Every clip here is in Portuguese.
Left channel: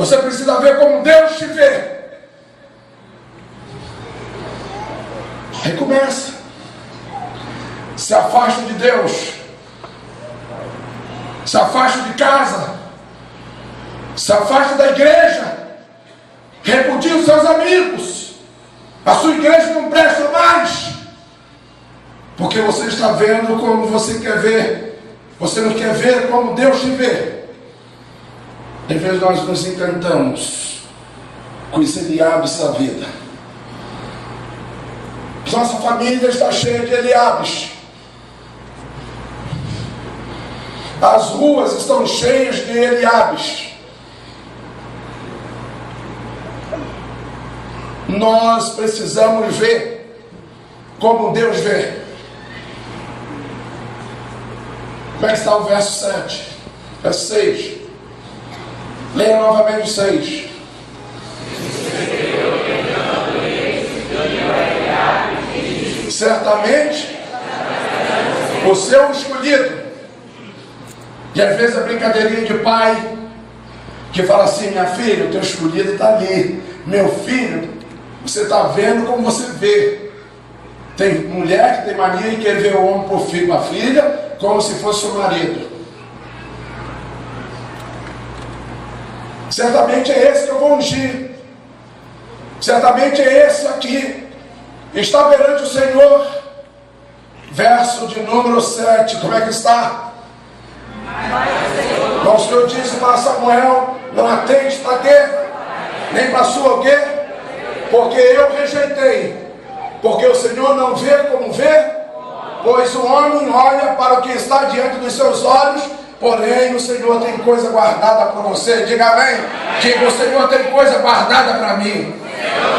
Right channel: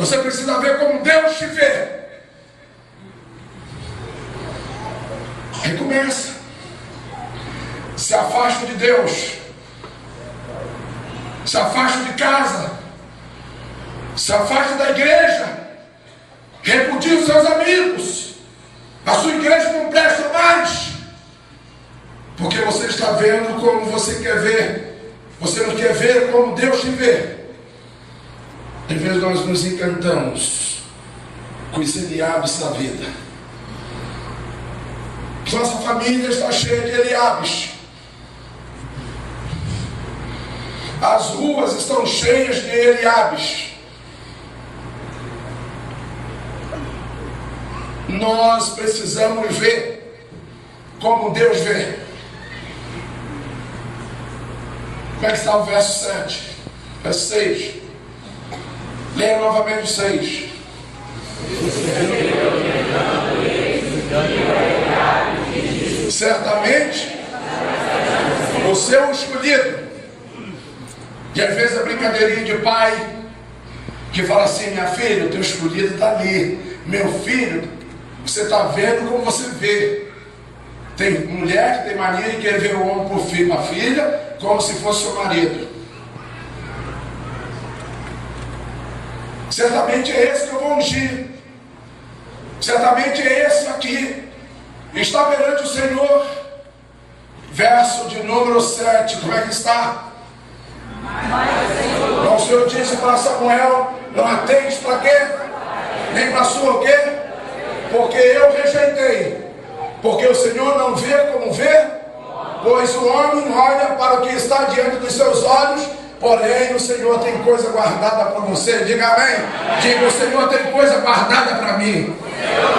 Você precisa ver como Deus te vê. Aí começa. Se afaste de Deus. Se afaste de casa. Se afaste da igreja. Repudie os seus amigos. A sua igreja não presta mais. Porque você está vendo como você quer ver. Você não quer ver como Deus te vê. Às vezes nós nos encantamos com os Eliabes da vida. Nossa família está cheia de Eliabes. As ruas estão cheias de Eliabes. Nós precisamos ver como Deus vê. Como é que está o verso 7? Verso 6. Leia novamente o 6. Certamente você é o escolhido. E às vezes a brincadeirinha de pai que fala assim: minha filha, o teu escolhido está ali. Meu filho, você está vendo como você vê. Tem mulher que tem mania de querer ver o homem por filho, uma filha, como se fosse o marido. Certamente é esse que eu vou ungir. Certamente é esse aqui. Está perante o Senhor. Verso de número 7. Como é que está? Então o Senhor disse para Samuel: não atente para quê? Nem para sua o quê? Porque eu rejeitei. Porque o Senhor não vê como vê. Pois o homem olha para o que está diante dos seus olhos. Porém, o Senhor tem coisa guardada para você. Diga amém. Diga: o Senhor tem coisa guardada para mim.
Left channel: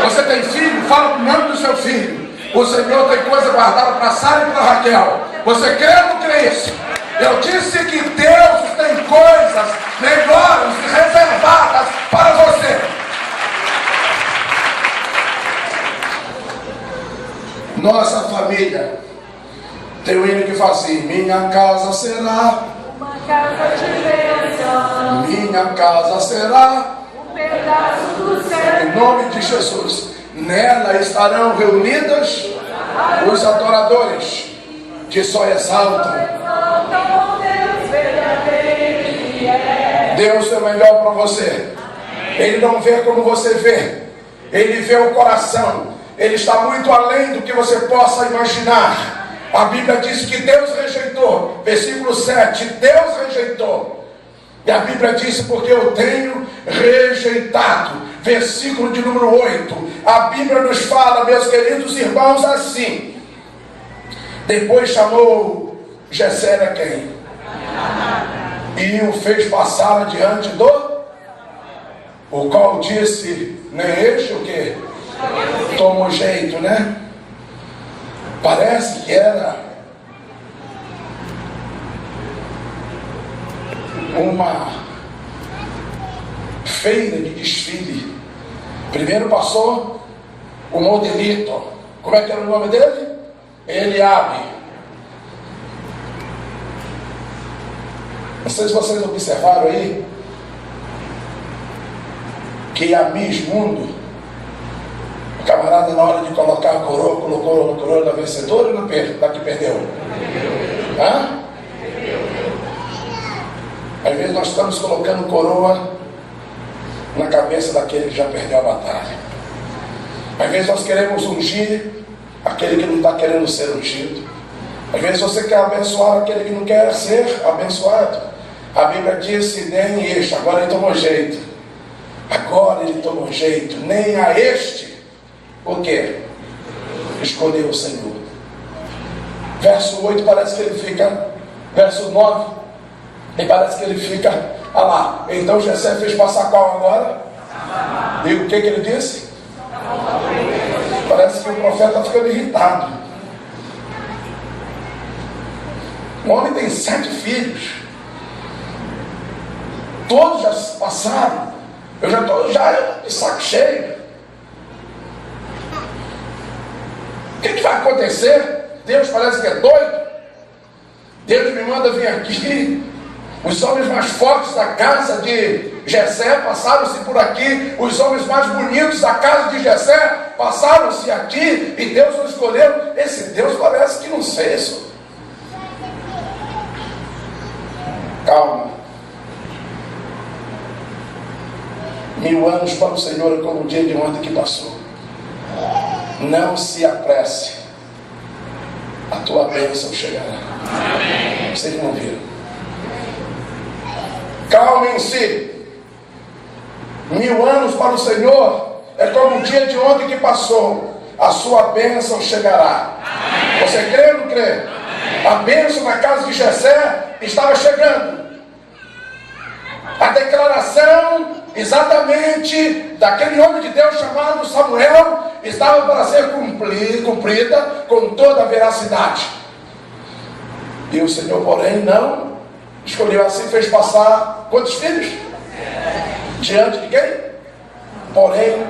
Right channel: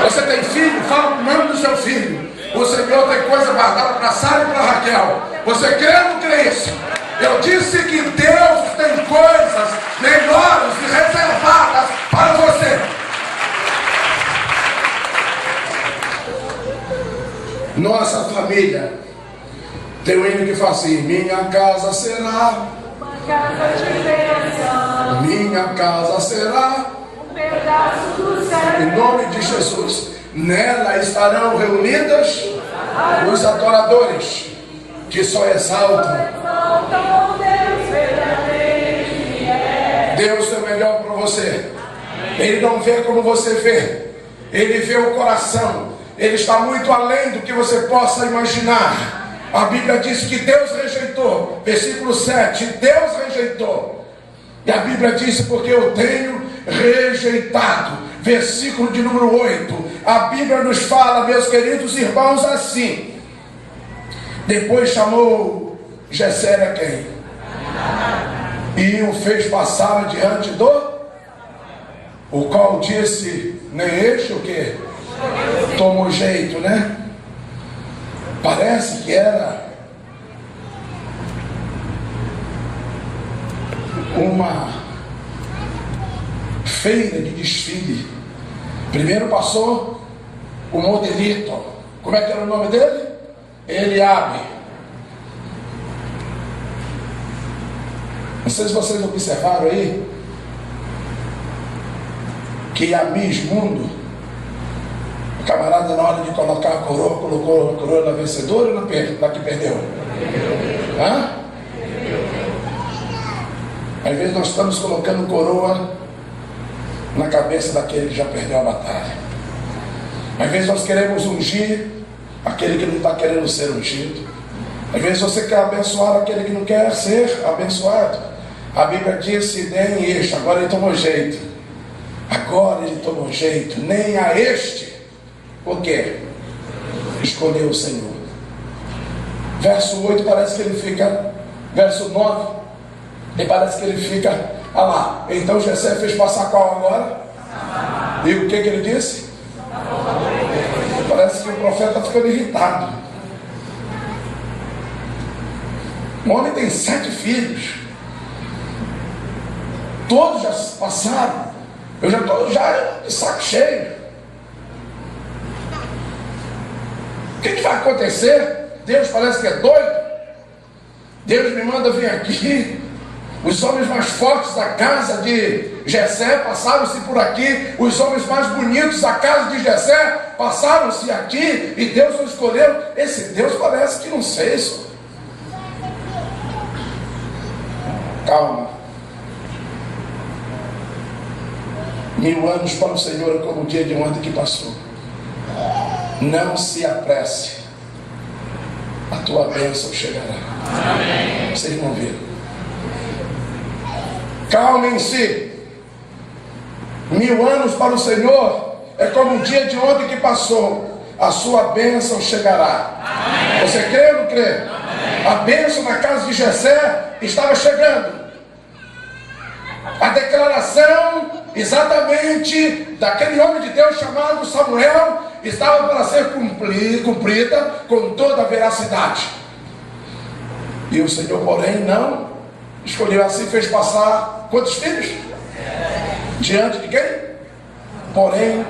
Você tem filho? Fala o nome do seu filho. O Senhor tem coisa guardada para Sara e para Raquel. Você crê ou não crê isso? Eu disse que Deus tem coisas melhores e reservadas para você. Nossa família tem um hino que fala assim: minha casa será uma casa de bênção, minha casa será um pedaço do céu. em nome de Jesus. Nela estarão reunidas os adoradores que só exaltam. Deus é o melhor para você. Ele não vê como você vê. Ele vê o coração. Ele está muito além do que você possa imaginar. A Bíblia diz que Deus rejeitou. Versículo 7. Deus rejeitou. E a Bíblia diz: porque eu tenho rejeitado. Versículo de número 8. A Bíblia nos fala, meus queridos irmãos, assim: depois chamou Jessé a quem? E o fez passar adiante do, o qual disse: nem este o que? Tomou jeito, né? Parece que era uma feira de desfile. Primeiro passou o modelito. Como é que era o nome dele? Eliabe. Não sei se vocês observaram aí que a Miss Mundo, o camarada, na hora de colocar a coroa, colocou a coroa na vencedora ou na que perdeu? Hã? Às vezes nós estamos colocando coroa na cabeça daquele que já perdeu a batalha. Às vezes nós queremos ungir aquele que não está querendo ser ungido. Às vezes você quer abençoar aquele que não quer ser abençoado. A Bíblia disse: nem este. Agora ele tomou jeito. Agora ele tomou jeito. Nem a este. O quê? Escolheu o Senhor. Verso 8 parece que ele fica. Verso 9. E parece que ele fica. Ah lá. Então Jessé fez passar qual agora? E o que ele disse? Parece que o profeta está ficando irritado. O homem tem 7 filhos. Todos já passaram. Eu já estou de saco cheio. O que vai acontecer? Deus parece que é doido. Deus me manda vir aqui. Os homens mais fortes da casa de Jessé passaram-se por aqui, os homens mais bonitos da casa de Jessé passaram-se aqui, e Deus o escolheu. Esse Deus parece que não sei isso. Calma. 1000 anos para o Senhor é como o dia de ontem que passou. Não se apresse, a tua bênção chegará. Amém. Vocês vão ver. Calmem-se. 1000 anos para o Senhor é como o dia de ontem que passou. A sua bênção chegará. Amém. Você crê ou não crê? Amém. A bênção na casa de Jessé estava chegando. A declaração exatamente daquele homem de Deus chamado Samuel estava para ser cumprida com toda a veracidade. E o Senhor, porém, não escolheu assim, fez passar quantos filhos? Diante de quem? Porém,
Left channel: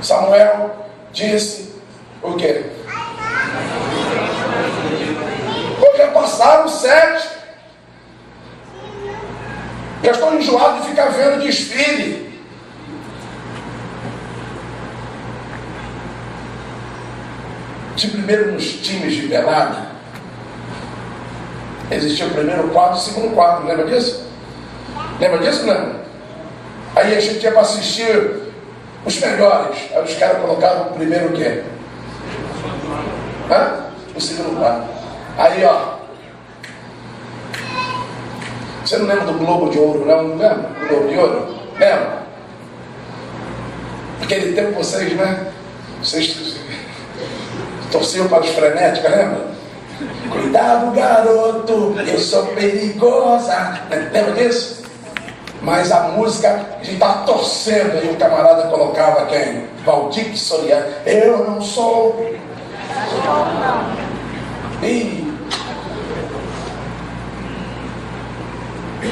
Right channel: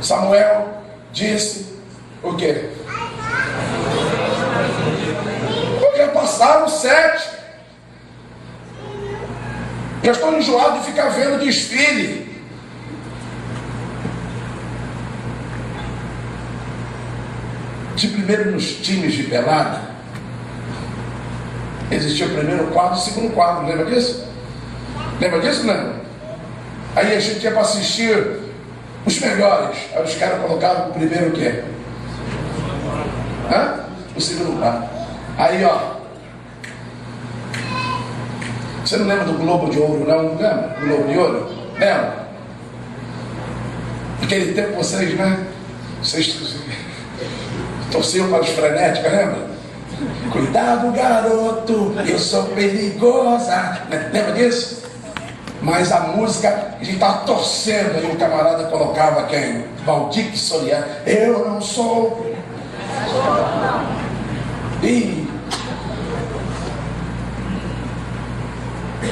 Samuel disse o quê? Porque passaram 7. Eu estou enjoado de ficar vendo desfile. Se primeiro nos times de pelada existia o primeiro quadro e o segundo quadro, lembra disso? Lembra disso, não? Aí a gente ia para assistir os melhores. Aí os caras colocavam o primeiro o quê? O segundo quadro. Aí, ó. Você não lembra do Globo de Ouro, não? Lembra? Globo de Ouro? Lembra? Naquele tempo vocês, né? Vocês torciam para os frenéticos, lembra? Cuidado, garoto, eu sou perigosa. Lembra disso? Mas a música, a gente estava torcendo, aí o camarada colocava quem? Valdir Soriano. Eu não sou. E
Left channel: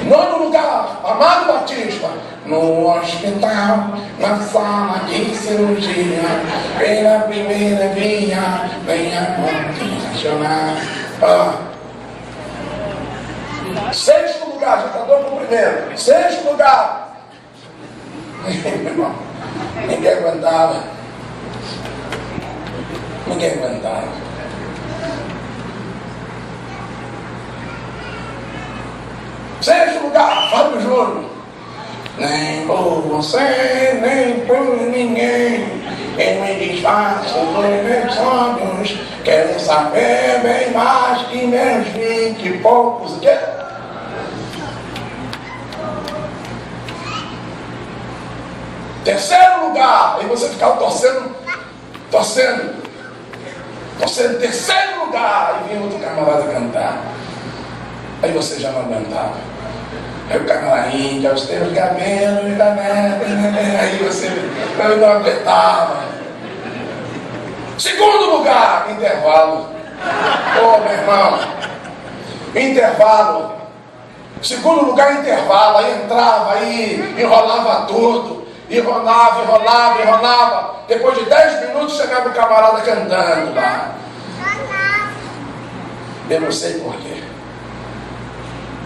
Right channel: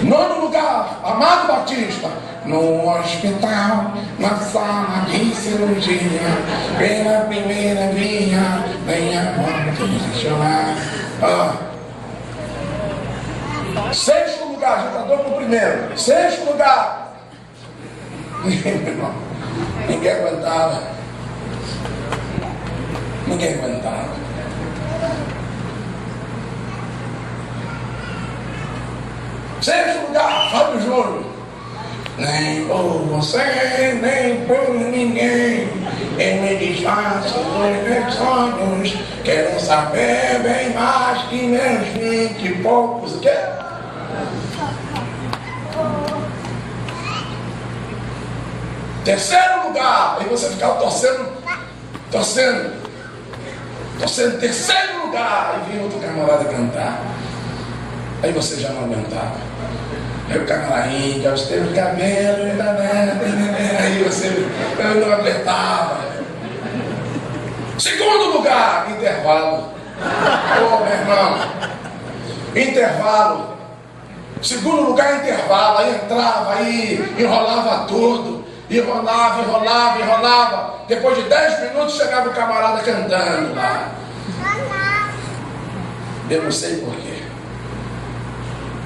nono lugar, Amado Batista, no hospital, na sala de cirurgia, pela primeira linha, venha chorar. Sexto lugar, já está dando para o primeiro. Sexto lugar. Ninguém aguentava. Ninguém aguentava. Sexto lugar, Fábio Júnior. Nem por você, nem por ninguém. Eu me desfaço dos meus sonhos. Quero saber bem mais que meus 20 e poucos. O quê? Terceiro lugar. Aí você ficava torcendo. Terceiro lugar. E vinha outro camarada cantar. Aí você já não aguentava. Meu camarainha, os teus cabelos da neta. Aí você eu não aguentava. Segundo lugar, intervalo. Ô, meu irmão, intervalo. Segundo lugar, intervalo. Aí entrava, aí enrolava tudo. Enrolava. Depois de 10 minutos chegava o camarada cantando lá. Eu não sei porquê.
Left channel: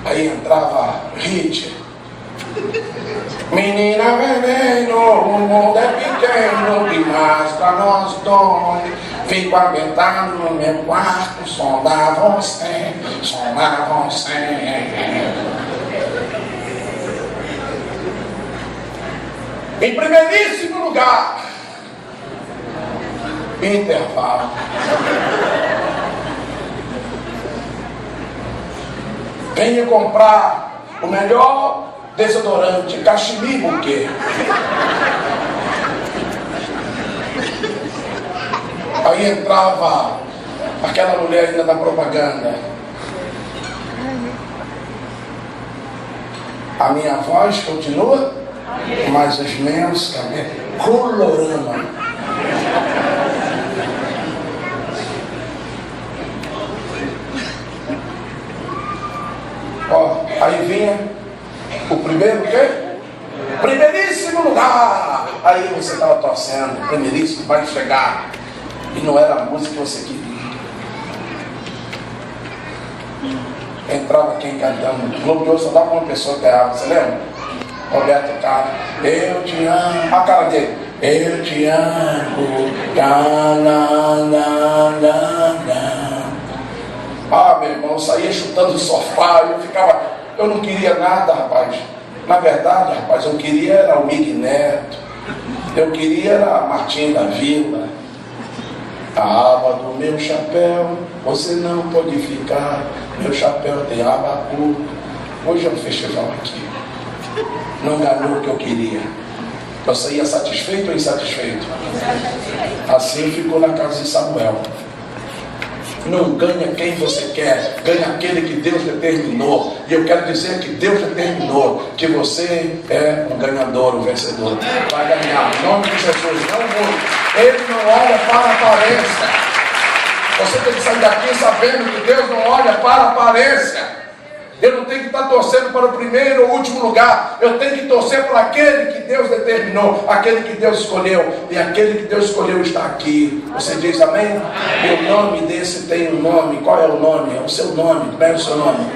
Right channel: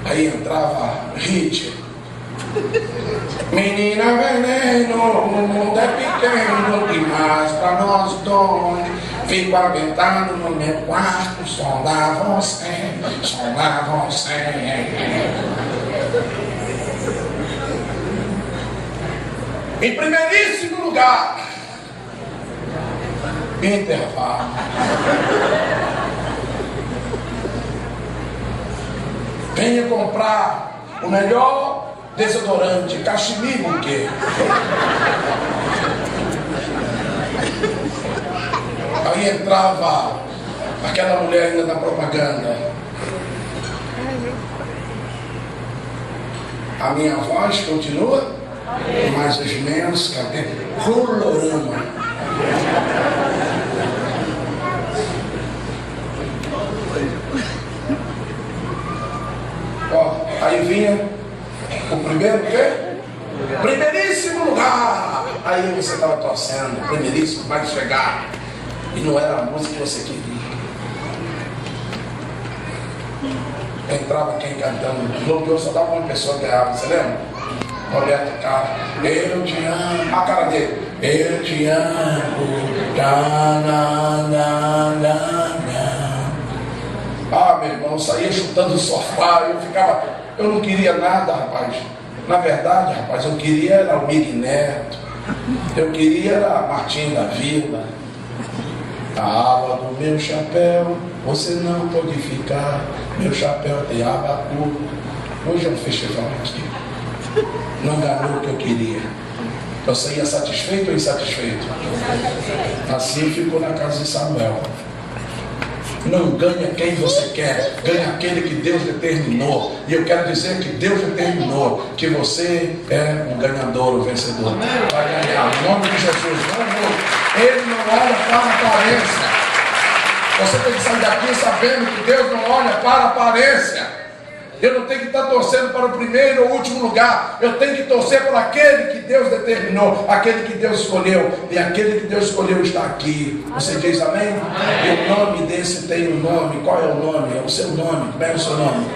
Aí entrava hit. Menina veneno, o mundo é pequeno demais pra nós dois. Fico aguentando no meu quarto, sondar você. Em primeiríssimo lugar, intervalo. Venha comprar o melhor desodorante, cachimbo, o quê? Aí entrava aquela mulher ainda da propaganda. A minha voz continua, mas os meus cabelos colorando. Aí vinha o primeiro quê? Primeiríssimo lugar. Aí você estava torcendo, primeiríssimo vai chegar. E não era a música que você queria. Entrava quem cantando. No Globo de Ouro só dava uma pessoa que errava, você lembra? Roberto Carlos, eu te amo. A cara dele, eu te amo. Ah, meu irmão, eu saía chutando o sofá, eu não queria nada, rapaz. Na verdade, rapaz, eu queria era o Mig Neto, eu queria era a Martim da Vila. A aba do meu chapéu, você não pode ficar, meu chapéu tem aba curta. Hoje é um festival aqui, não ganhou o que eu queria. Eu saía satisfeito ou insatisfeito? Assim ficou na casa de Samuel. Não ganha quem você quer, ganha aquele que Deus determinou. E eu quero dizer que Deus determinou que você é um ganhador, um vencedor. Vai ganhar, em nome de Jesus. Ele não olha para a aparência. Você tem que sair daqui sabendo que Deus não olha para a aparência. Eu não tenho que estar torcendo para o primeiro ou último lugar. Eu tenho que torcer para aquele que Deus determinou, aquele que Deus escolheu. E aquele que Deus escolheu está aqui. Você diz amém? O nome desse tem um nome. Qual é o nome? É o seu nome. Como é o seu nome?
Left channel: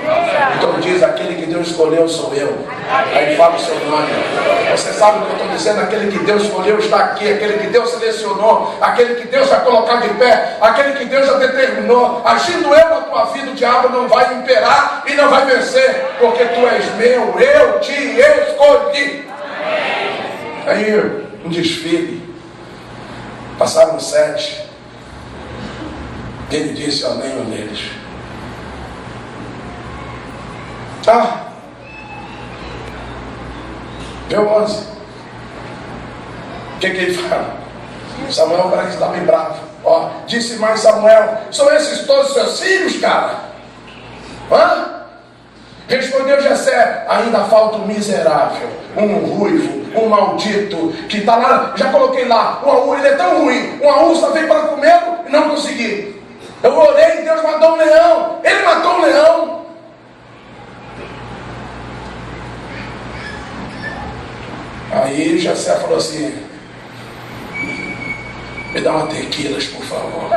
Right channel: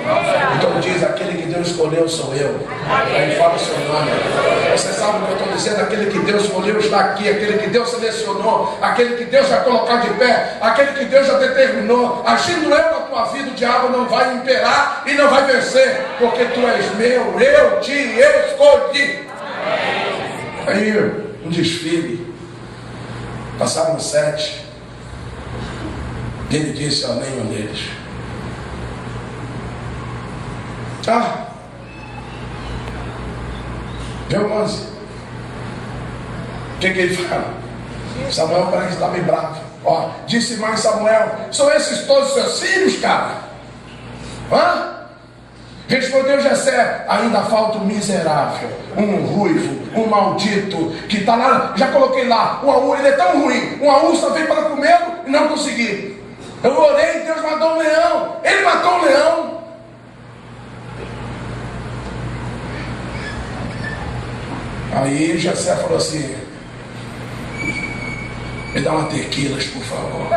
Então diz, aquele que Deus escolheu sou eu. Aí fala o seu nome. Você sabe o que eu estou dizendo? Aquele que Deus escolheu está aqui. Aquele que Deus selecionou. Aquele que Deus vai colocar de pé. Aquele que Deus já determinou. Agindo eu na tua vida, o diabo não vai imperar e não vai vencer. Porque tu és meu, eu te escolhi. Aí um desfile, passaram 7. Ele disse ao nenhum deles: deu 11. O que ele fala? Samuel parece que está bem bravo. Disse mais Samuel: são esses todos seus filhos, cara? Respondeu Jessé: ainda falta um miserável, um ruivo, um maldito, que está lá, já coloquei lá, ele é tão ruim, uma ursa veio para comê-lo e não consegui. Eu orei, Deus matou um leão, ele matou um leão. Aí Jessé falou assim: me dá uma tequilas, por favor.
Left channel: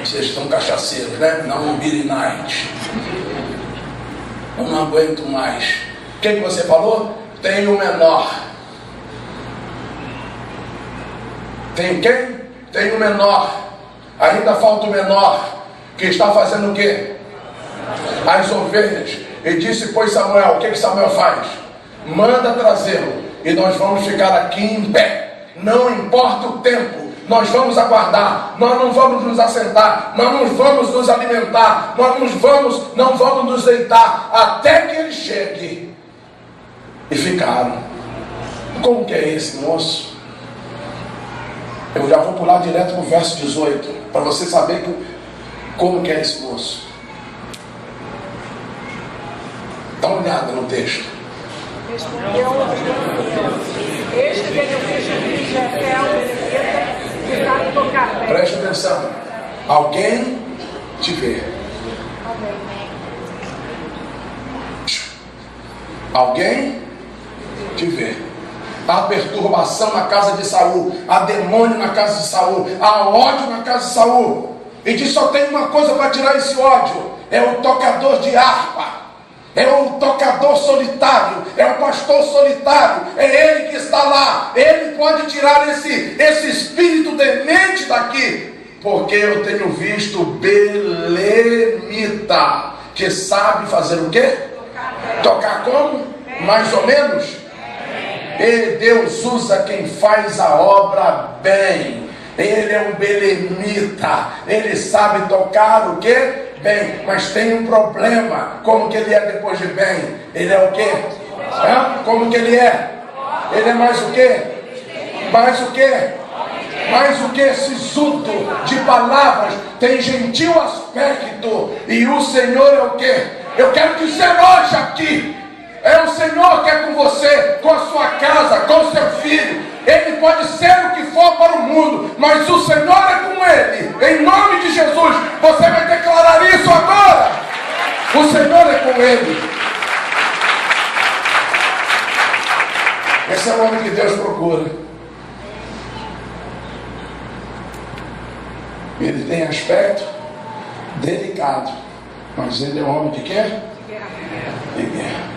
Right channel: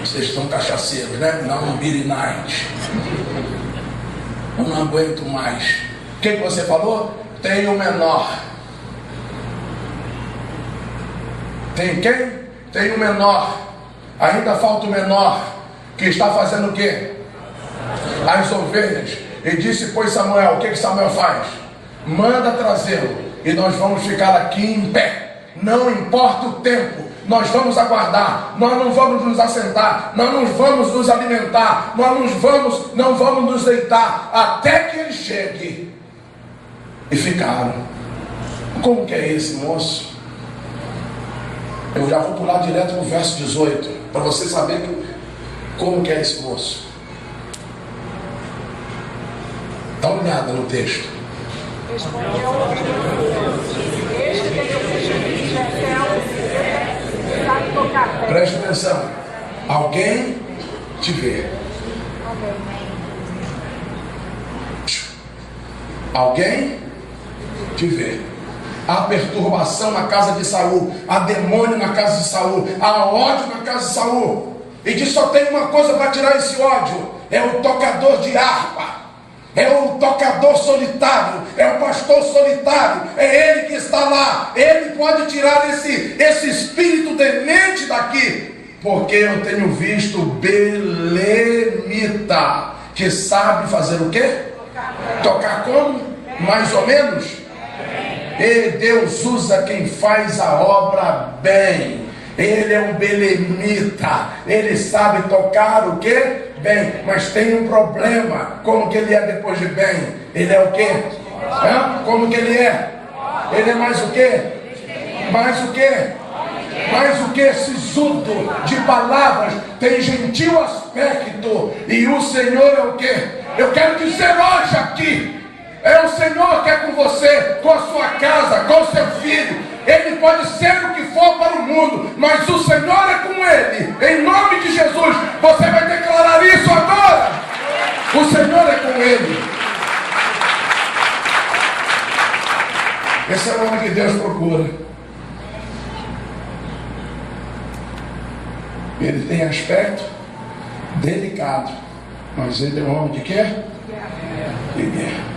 Vocês estão cachaceiros, né? Não, um Beer Night. Eu não aguento mais. O que você falou? Tem o menor. Tem quem? Tem o menor. Ainda falta o menor, que está fazendo o quê? As ovelhas. E disse, pois Samuel, o que Samuel faz? Manda trazê-lo, e nós vamos ficar aqui em pé. Não importa o tempo. Nós vamos aguardar, nós não vamos nos assentar, nós não vamos nos alimentar, nós não vamos nos deitar, até que ele chegue. E ficaram. Como que é esse moço? Eu já vou pular direto no verso 18, para você saber como que é esse moço. Dá uma olhada no texto. Respondeu este que eu fiz de Jessé, sabe tocar pé. Preste atenção. Alguém te vê. Alguém te vê. Há perturbação na casa de Saul, há demônio na casa de Saul, há ódio na casa de Saul. E diz: só tem uma coisa para tirar esse ódio: é o tocador de harpa. É o tocador solitário, é o pastor solitário, é ele que está lá. Ele pode tirar esse espírito demente daqui, porque eu tenho visto belemita, que sabe fazer o quê? Tocar como? Mais ou menos? E Deus usa quem faz a obra bem. Ele é um belemita, ele sabe tocar o quê? Bem, mas tem um problema. Como que ele é depois de bem? Ele é o quê? Como que ele é? Ele é mais o quê? Mais o quê? Mais o que? Sisudo de palavras, tem gentil aspecto. E o Senhor é o quê? Eu quero dizer hoje aqui, é o Senhor que é com você, com a sua casa, com o seu filho. Ele pode ser o que for para o mundo, mas o Senhor é com ele. Em nome de Jesus, você vai declarar isso agora. O Senhor é com ele. Esse é o homem que Deus procura. Ele tem aspecto delicado, mas ele é um homem de quê? de guerra.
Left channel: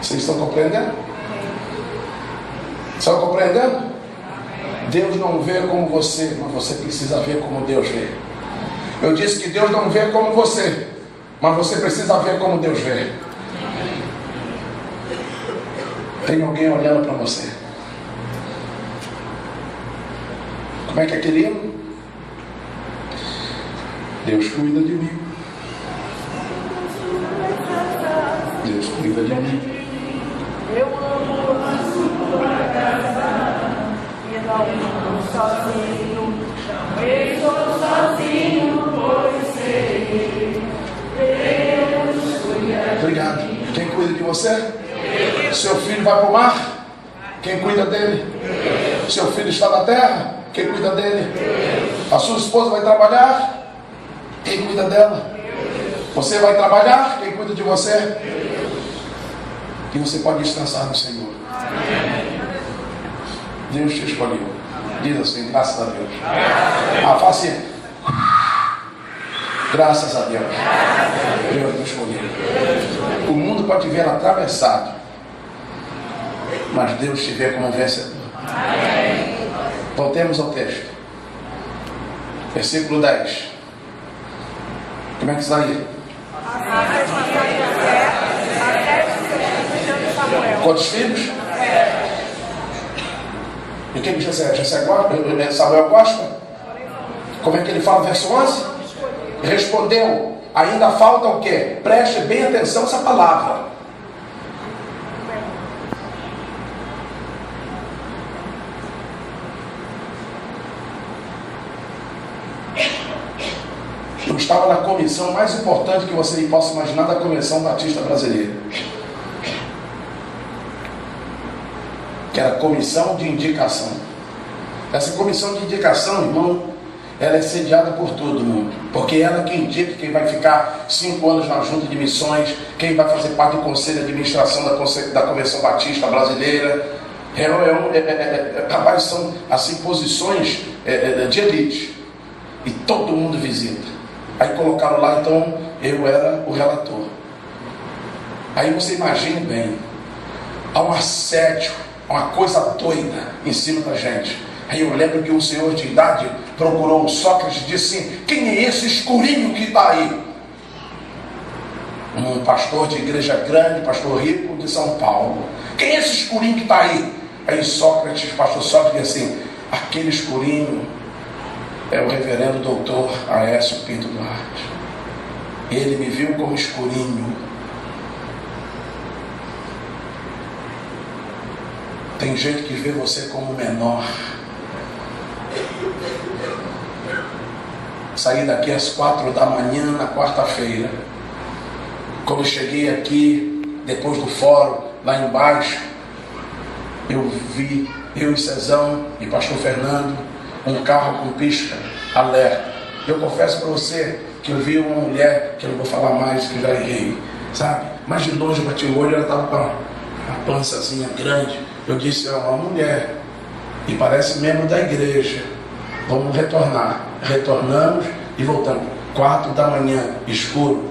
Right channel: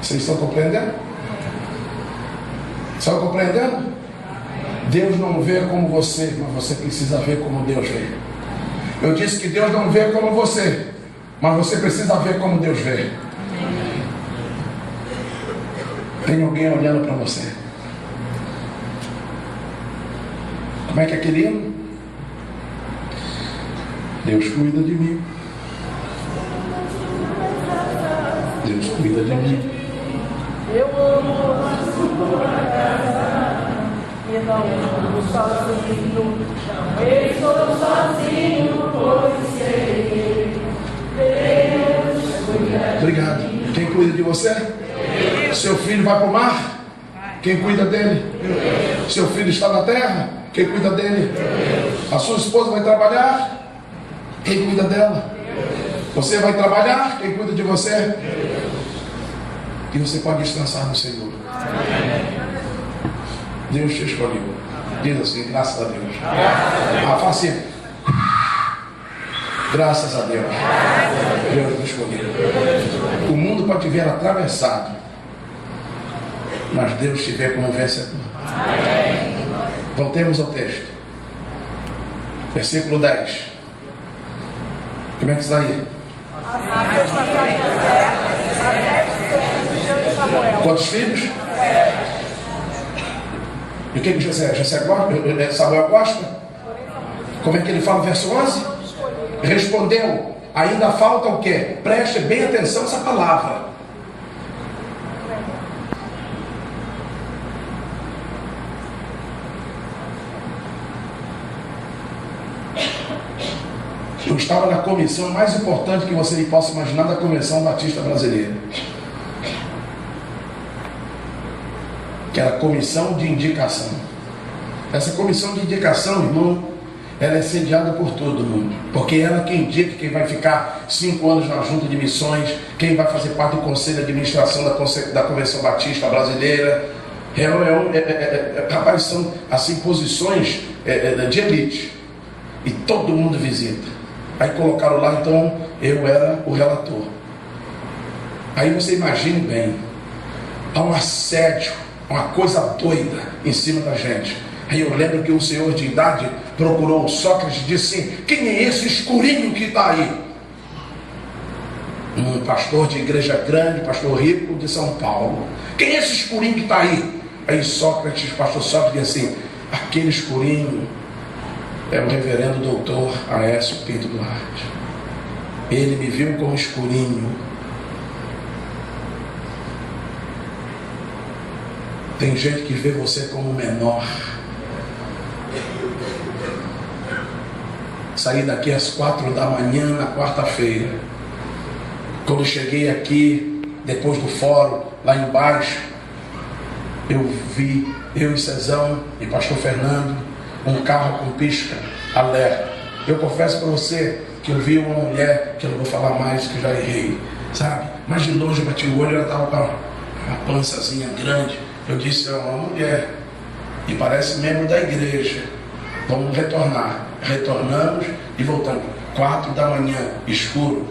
Vocês estão compreendendo? Estão compreendendo? Deus não vê como você, mas você precisa ver como Deus vê. Eu disse que Deus não vê como você, mas você precisa ver como Deus vê. Tem alguém olhando para você. Como é que é aquele hino? Deus cuida de mim. Deus cuida de mim. Eu amo a sua casa e não estou sozinho. Não estou sozinho, pois sei Deus cuida. Obrigado. Quem cuida de você? Seu filho vai para o mar? Quem cuida dele? Seu filho está na terra? Quem cuida dele? A sua esposa vai trabalhar? Quem cuida dela? Você vai trabalhar? Quem cuida de você? E você pode descansar no Senhor. Deus te escolheu. Diz assim, graças a Deus. Fala assim. Graças a Deus. Deus te escolheu. O mundo pode te ver atravessado, mas Deus te vê como vencedor. Voltemos ao texto. Versículo 10. Como é que está aí? Quantos filhos? E quem que José? Samuel gosta? Como é que ele fala no verso 11? Respondeu, ainda falta o quê? Preste bem atenção a essa palavra. Eu estava na comissão mais importante que você possa imaginar, da Convenção Batista Brasileira, que era a comissão de indicação. Essa comissão de indicação, irmão, ela é sediada por todo mundo, porque ela é quem indica quem vai ficar 5 anos na junta de missões, quem vai fazer parte do conselho de administração da Convenção Batista Brasileira. Rapaz, são assim posições de elite, e todo mundo visita. Aí colocaram lá, então eu era o relator. Aí você imagine bem, há um assédio, uma coisa doida em cima da gente. Aí eu lembro que um senhor de idade procurou o Sócrates e disse assim: quem é esse escurinho que está aí? Um pastor de igreja grande, pastor rico de São Paulo. Quem é esse escurinho que está aí? Aí Sócrates, pastor Sócrates, disse assim: aquele escurinho é o reverendo doutor Aécio Pinto Duarte. Ele me viu como escurinho. Tem gente que vê você como menor. Saí daqui às 4 da manhã na quarta-feira. Quando eu cheguei aqui, depois do fórum, lá embaixo, eu vi, eu e Cezão e pastor Fernando, um carro com pisca alerta. Eu confesso para você que eu vi uma mulher, que eu não vou falar mais, que eu já errei, sabe? Mas de longe eu bati o olho, ela estava com a pançazinha grande. Eu disse: é uma mulher, e parece membro da igreja. Vamos retornar. Retornamos e voltamos. 4 da manhã, escuro.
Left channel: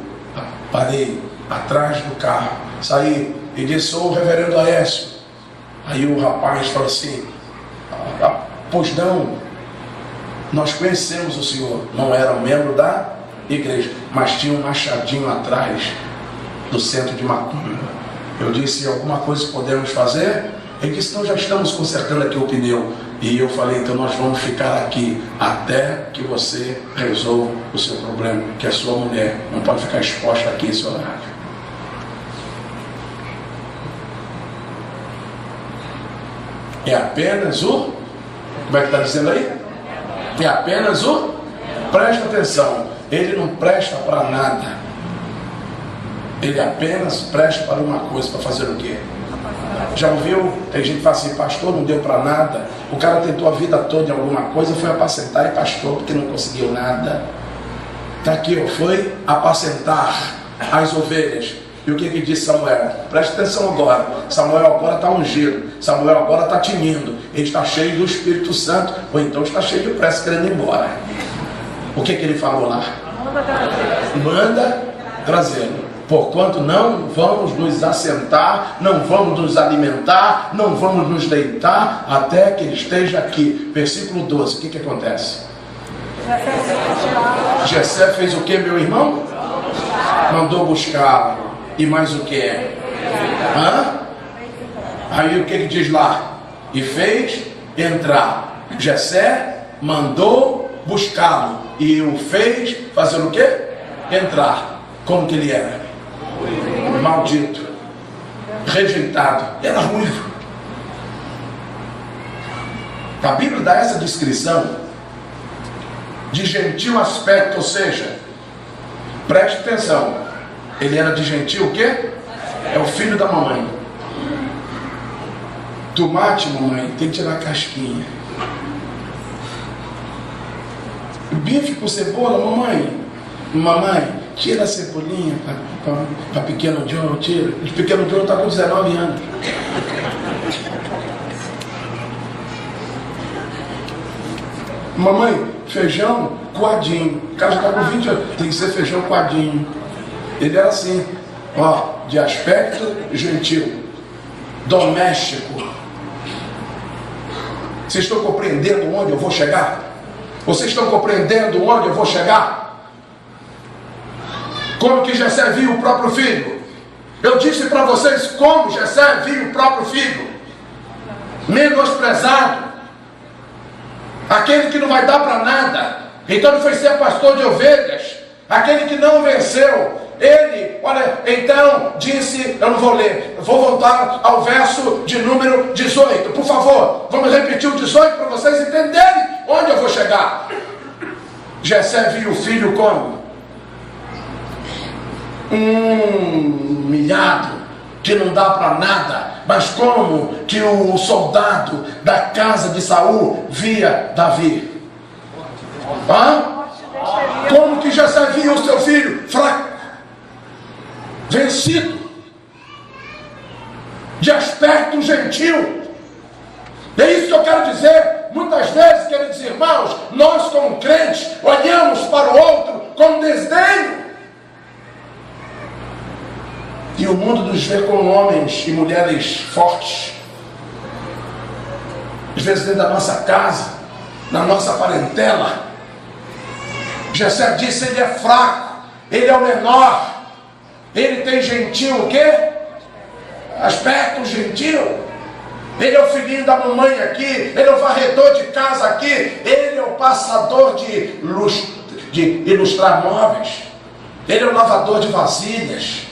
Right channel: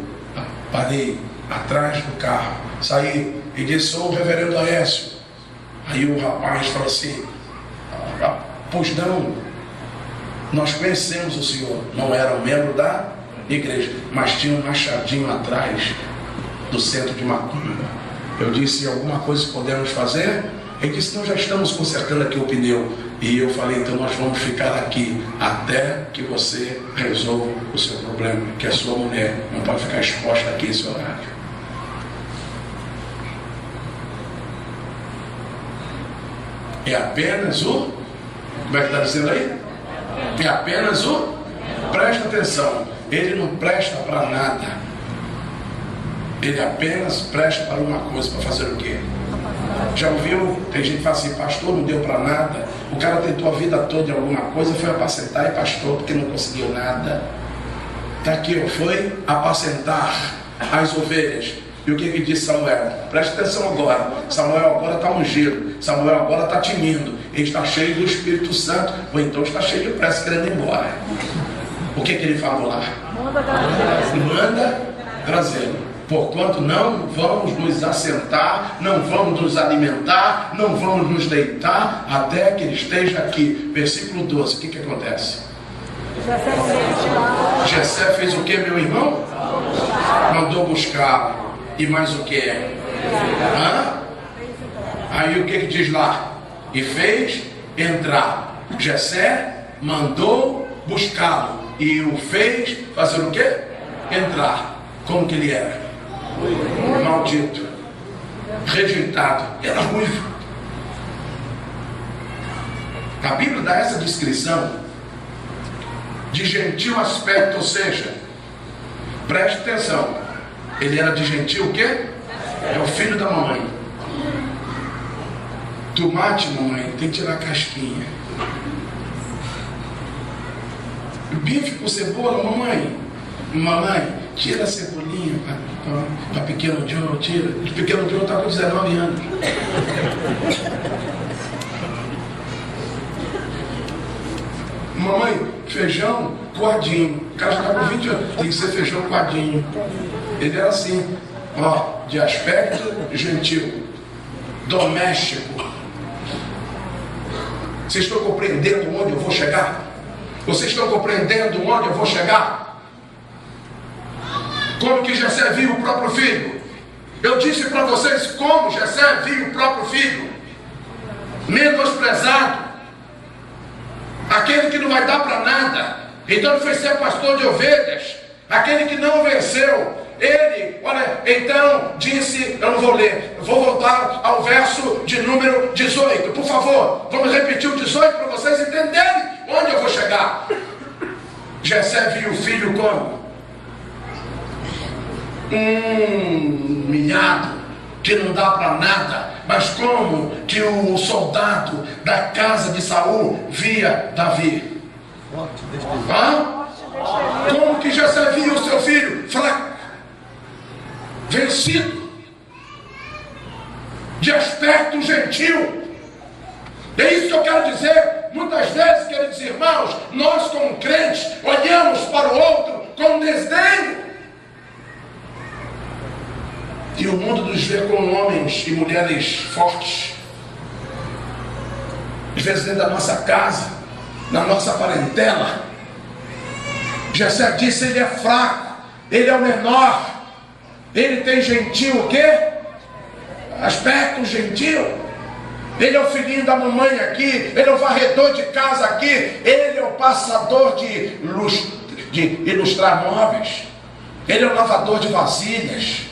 Parei atrás do carro, saí e disse: sou o reverendo Aécio. Aí o rapaz falou assim: pois não, nós conhecemos o senhor. Não era um membro da igreja, mas tinha um machadinho atrás do centro de macumba. Eu disse: alguma coisa que podemos fazer? Ele disse: nós já estamos consertando aqui o pneu. E eu falei: então nós vamos ficar aqui até que você resolva o seu problema, que a sua mulher não pode ficar exposta aqui esse horário. É apenas o... Como é que está dizendo aí? É apenas o... Presta atenção, ele não presta para nada. Ele apenas presta para uma coisa. Para fazer o quê? Já ouviu? Tem gente que fala assim: pastor, não deu para nada. O cara tentou a vida toda em alguma coisa, foi apacentar e pastor porque não conseguiu nada. Está aqui, foi apacentar as ovelhas. E o que disse Samuel? Preste atenção agora. Samuel agora está ungido. Samuel agora está tinindo. Ele está cheio do Espírito Santo. Ou então está cheio de pressa, querendo ir embora. O que ele falou lá? Manda trazê-lo. Porquanto não vamos nos assentar, não vamos nos alimentar, não vamos nos deitar, até que ele esteja aqui. Versículo 12, o que acontece? Jessé fez o que, meu irmão? Mandou buscar. E mais o que? Aí o que diz lá? E fez entrar. Jessé mandou buscá-lo e o fez fazer o que? Entrar. Como que ele era? Maldito, rejeitado, era ruivo. A Bíblia dá essa descrição de gentil aspecto, ou seja, preste atenção, ele era de gentil o quê? É o filho da mamãe. Tomate, mamãe, tem que tirar a casquinha. Bife com cebola, mamãe, tira a cebolinha para pequeno John, tira. O pequeno John está com 19 anos. Mamãe, feijão coadinho. O cara já está com 20 anos, tem que ser feijão coadinho. Ele era assim, de aspecto gentil, doméstico. Vocês estão compreendendo onde eu vou chegar? Vocês estão compreendendo onde eu vou chegar? Como que Jessé viu o próprio filho? Eu disse para vocês como Jessé viu o próprio filho. Menosprezado. Aquele que não vai dar para nada. Então ele foi ser pastor de ovelhas. Aquele que não venceu. Ele, olha, então disse, eu não vou ler, eu vou voltar ao verso de número 18. Por favor, vamos repetir o 18 para vocês entenderem onde eu vou chegar. Jessé viu o filho como? Humilhado, que não dá para nada. Mas como que o soldado da casa de Saul via Davi? Como que Jessé via o seu filho fraco, vencido, de aspecto gentil? É isso que eu quero dizer. Muitas vezes, queridos irmãos, nós como crentes olhamos para o outro com desdenho. E o mundo nos vê como homens e mulheres fortes. Às vezes dentro da nossa casa, na nossa parentela. Jessé disse, ele é fraco, ele é o menor. Ele tem gentil o quê? Aspecto gentil. Ele é o filhinho da mamãe aqui. Ele é o varredor de casa aqui. Ele é o passador de ilustrar móveis. Ele é o lavador de vasilhas.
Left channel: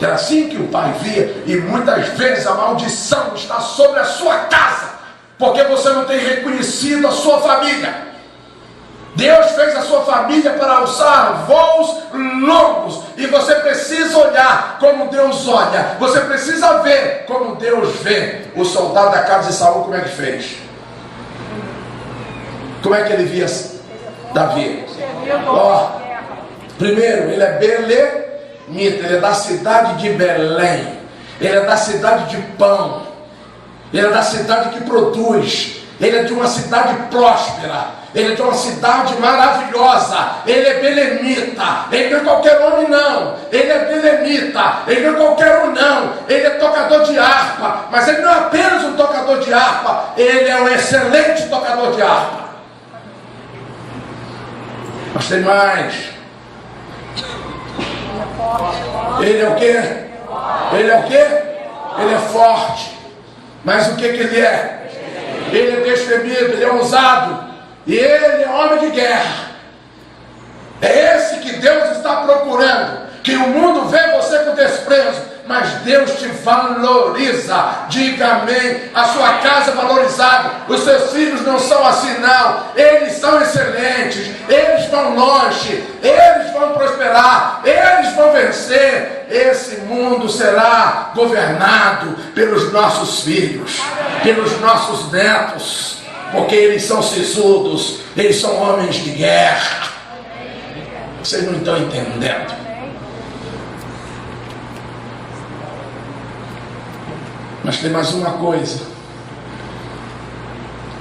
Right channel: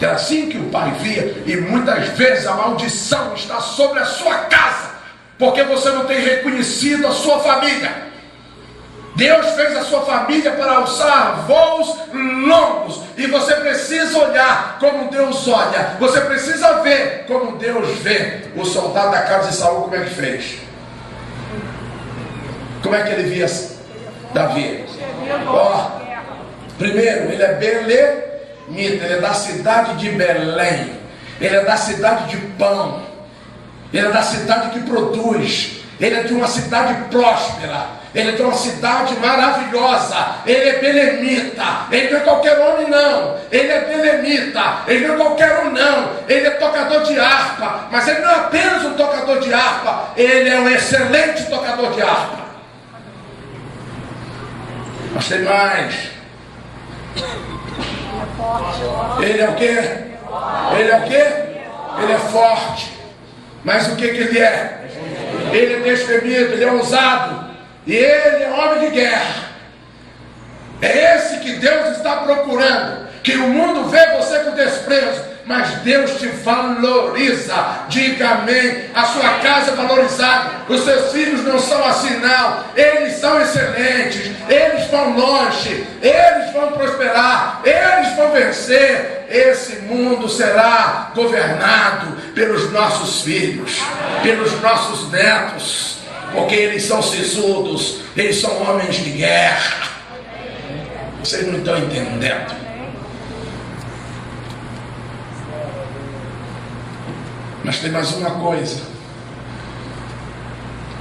Era assim que o pai via. E muitas vezes a maldição está sobre a sua casa, porque você não tem reconhecido a sua família. Deus fez a sua família para alçar voos longos. E você precisa olhar como Deus olha. Você precisa ver como Deus vê. O soldado da casa de Saul, como é que fez? Como é que ele via Davi? Primeiro, ele é belemita. Ele é da cidade de Belém. Ele é da cidade de pão. Ele é da cidade que produz. Ele é de uma cidade próspera. Ele é de uma cidade maravilhosa. Ele é belemita. Ele não é qualquer homem não. Ele é belemita. Ele não é qualquer um não. Ele é tocador de harpa. Mas ele não é apenas um tocador de harpa. Ele é um excelente tocador de harpa. Mas tem mais. Ele é o quê? Ele é o quê? Ele é forte. Mas o que ele é? Ele é destemido, ele é ousado. E ele é homem de guerra. É esse que Deus está procurando. Que o mundo vê você com desprezo, mas Deus te valoriza. Diga amém. A sua casa é valorizada. Os seus filhos não são assim não. Eles são excelentes. Eles vão longe. Eles vão prosperar. Eles vão vencer. Esse mundo será governado pelos nossos filhos, pelos nossos netos. Porque eles são sisudos, eles são homens de guerra. Vocês não estão entendendo. Mas tem mais uma coisa.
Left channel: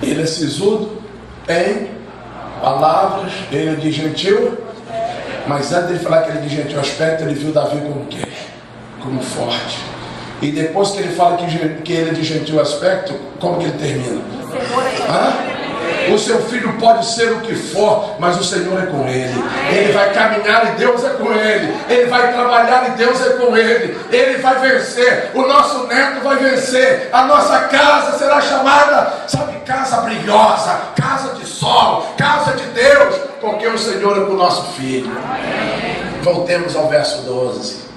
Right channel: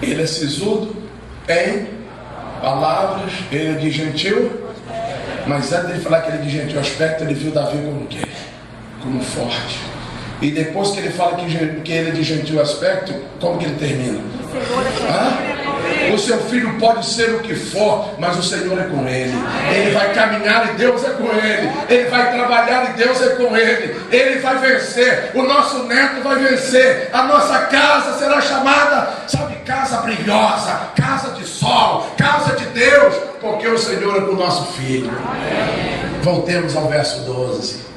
Ele é sisudo em palavras, ele é de gentil, mas antes de falar que ele é de gentil aspecto, ele viu Davi como o quê? Como forte. E depois que ele fala que ele é de gentil aspecto, como que ele termina? O seu filho pode ser o que for, mas o Senhor é com ele. Ele vai caminhar e Deus é com ele. Ele vai trabalhar e Deus é com ele. Ele vai vencer. O nosso neto vai vencer. A nossa casa será chamada, sabe, casa brilhosa, casa de sol, casa de Deus, porque o Senhor é com o nosso filho. Voltemos ao verso 12.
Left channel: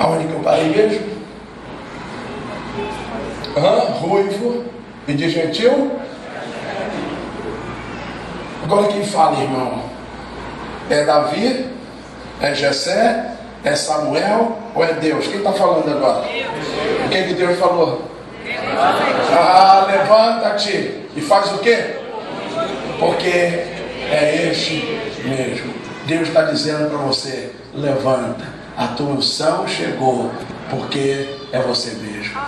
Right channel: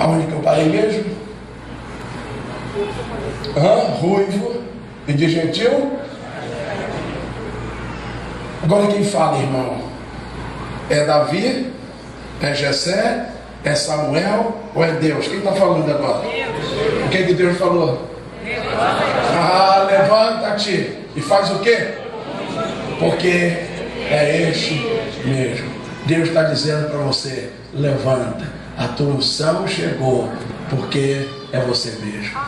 Aonde que eu parei mesmo? Ruivo e de gentil. Agora quem fala, irmão? É Davi? É Jessé? É Samuel? Ou é Deus? Quem está falando agora? O que Deus falou? Levanta-te e faz o quê? Porque é este mesmo. Deus está dizendo para você: levanta, a tua unção chegou, porque é você mesmo.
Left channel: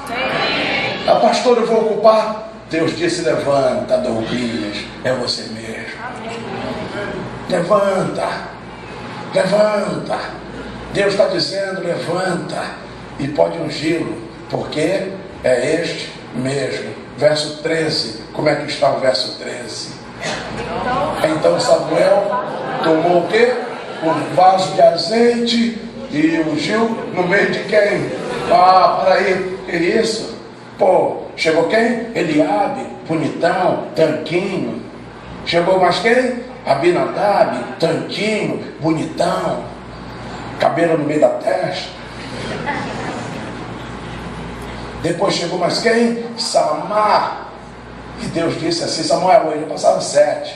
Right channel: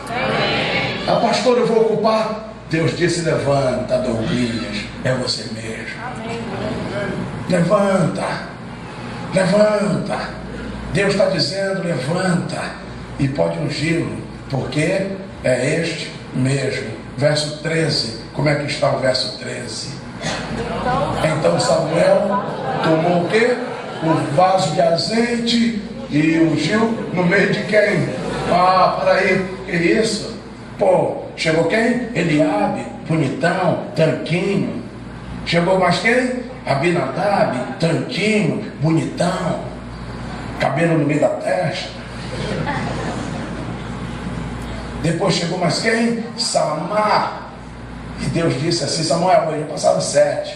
A pastor, eu vou ocupar. Deus disse: levanta, Douglas, é você mesmo. Levanta, levanta. Deus está dizendo: levanta e pode ungí-lo, porque é este mesmo. Verso 13, como é que está o verso 13? Então Samuel tomou o quê? Um vaso de azeite e ungiu no meio de quem? Peraí, que isso? Chegou quem? Eliabe, bonitão, tanquinho. Chegou mais quem? Abinadab, tanquinho, bonitão, cabelo no meio da testa. Depois chegou mais quem? Samar. E Deus disse assim: Samuel, hoje passaram 7.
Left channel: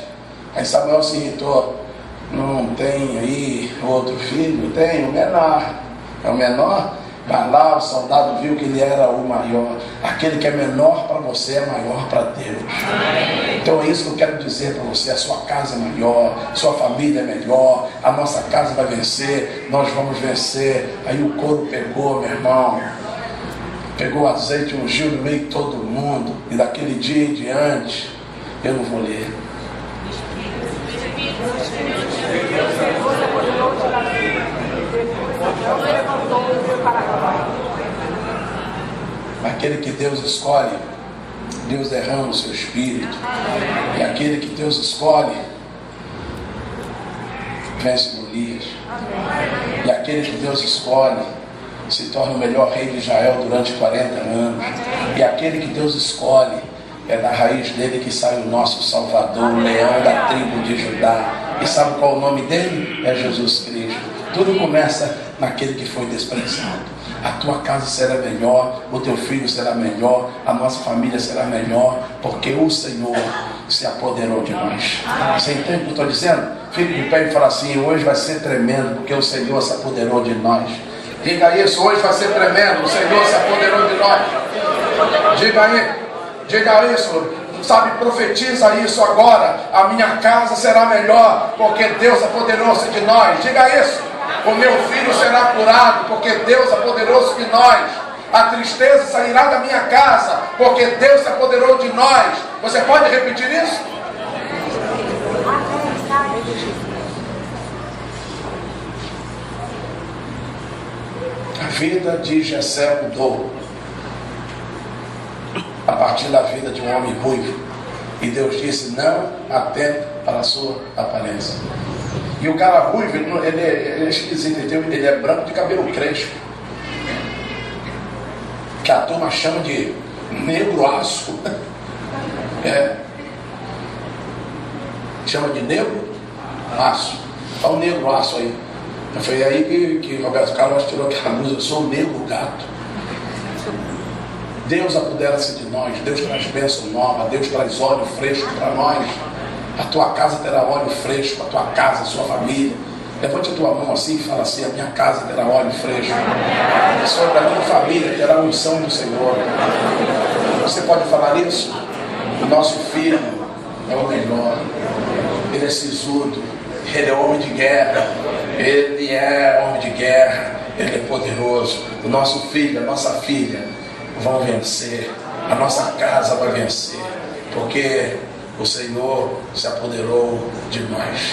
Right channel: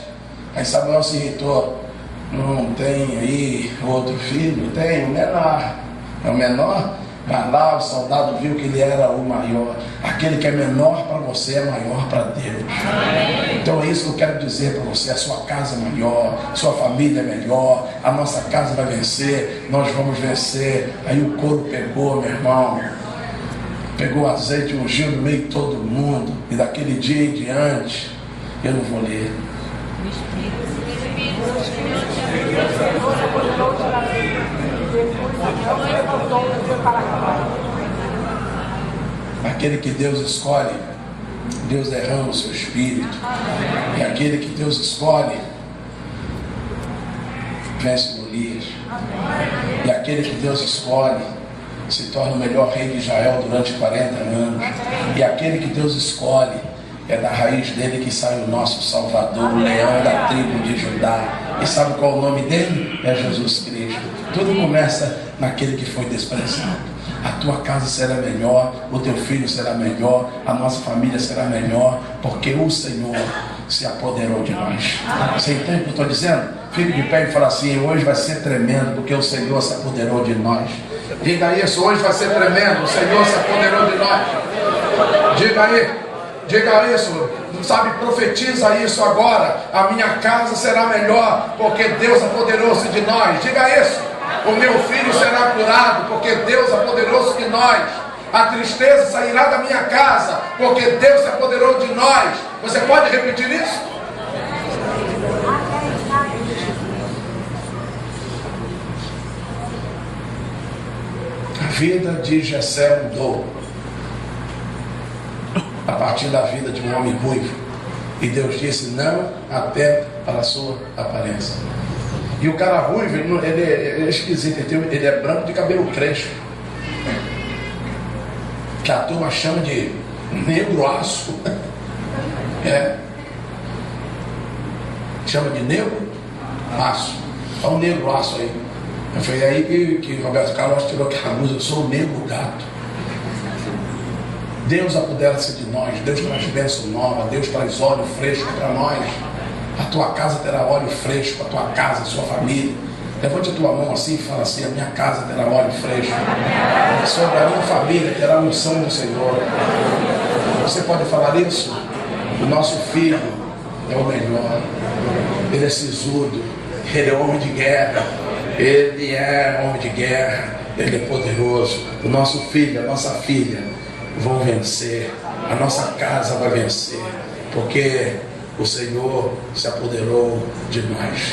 Aí Samuel se irritou: não tem aí outro filho? Tem, o menor. É o menor? Mas lá o soldado viu que ele era o maior. Aquele que é menor para você é maior para Deus. Então é isso que eu quero dizer para você: a sua casa é maior, sua família é melhor, a nossa casa vai vencer, nós vamos vencer. Aí o couro pegou, meu irmão, pegou o azeite e ungiu no meio de todo mundo. E daquele dia em diante, eu não vou ler. Aquele que Deus escolhe, Deus derrama o seu espírito. E aquele que Deus escolhe, vence Golias. E aquele que Deus escolhe se torna o melhor rei de Israel durante 40 anos. E aquele que Deus escolhe, é da raiz dele que sai o nosso Salvador, o leão da tribo de Judá. E sabe qual é o nome dele? É Jesus Cristo. Tudo começa naquele que foi desprezado. A tua casa será melhor, o teu filho será melhor, a nossa família será melhor, porque o Senhor se apoderou de nós. Você entende o que eu estou dizendo? Fique de pé e fala assim: hoje vai ser tremendo, porque o Senhor se apoderou de nós. Diga isso: hoje vai ser tremendo, o Senhor se apoderou de nós. Diga aí, diga isso, sabe, profetiza isso agora: a minha casa será melhor, porque Deus apoderou-se de nós. Diga isso: o meu filho será curado, porque Deus apoderou-se de nós. A tristeza sairá da minha casa, porque Deus se apoderou de nós. Você pode repetir isso? A vida de Jessé mudou a partir da vida de um homem ruivo. E Deus disse: não atente para a sua aparência. E o cara ruivo, ele é esquisito, ele é branco de cabelo crespo, que a turma chama de negro aço. Chama de negro aço. Está o negro aço aí. Foi aí que Roberto Carlos tirou aquela música: eu sou o negro gato. Deus apodera-se de nós, Deus traz bênção nova, Deus traz óleo fresco para nós. A tua casa terá óleo fresco, a tua casa, a sua família. Levante a tua mão assim e fala assim: a minha casa terá óleo fresco. Sobre a minha família terá a unção do Senhor. Você pode falar isso? O nosso filho é o melhor. Ele é sisudo, ele é homem de guerra. Ele é homem de guerra, ele é poderoso. O nosso filho, a nossa filha vão vencer. A nossa casa vai vencer. porque o Senhor se apoderou de nós.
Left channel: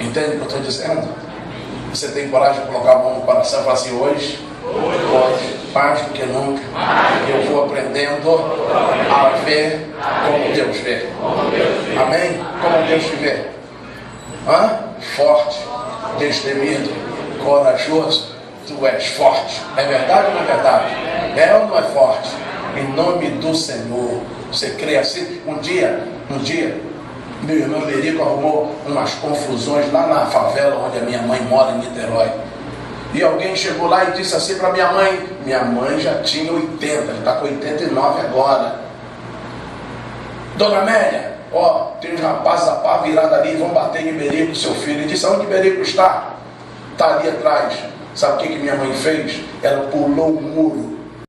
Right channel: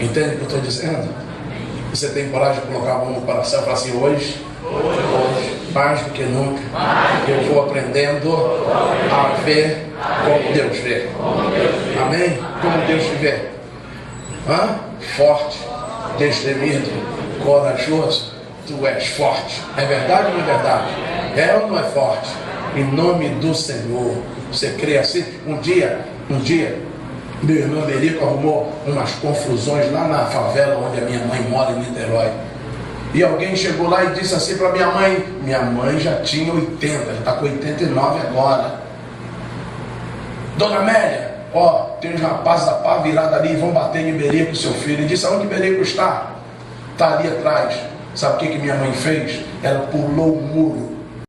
Entende o que eu estou dizendo? Você tem coragem de colocar a mão no coração e falar assim: hoje, mais do que nunca, eu vou aprendendo a ver como Deus vê. Amém? Como Deus te vê. Forte, destemido, corajoso. Tu és forte. É verdade ou não é verdade? É ou não é forte? Em nome do Senhor. Você crê assim? Um dia, meu irmão Berico arrumou umas confusões lá na favela onde a minha mãe mora, em Niterói. E alguém chegou lá e disse assim para minha mãe já tinha 80, ela está com 89 agora. Dona Amélia, tem uns rapazes da pá virado ali, vão bater em Berico, seu filho. Ele disse: aonde Berico está? Está ali atrás. Sabe o que minha mãe fez? Ela pulou o muro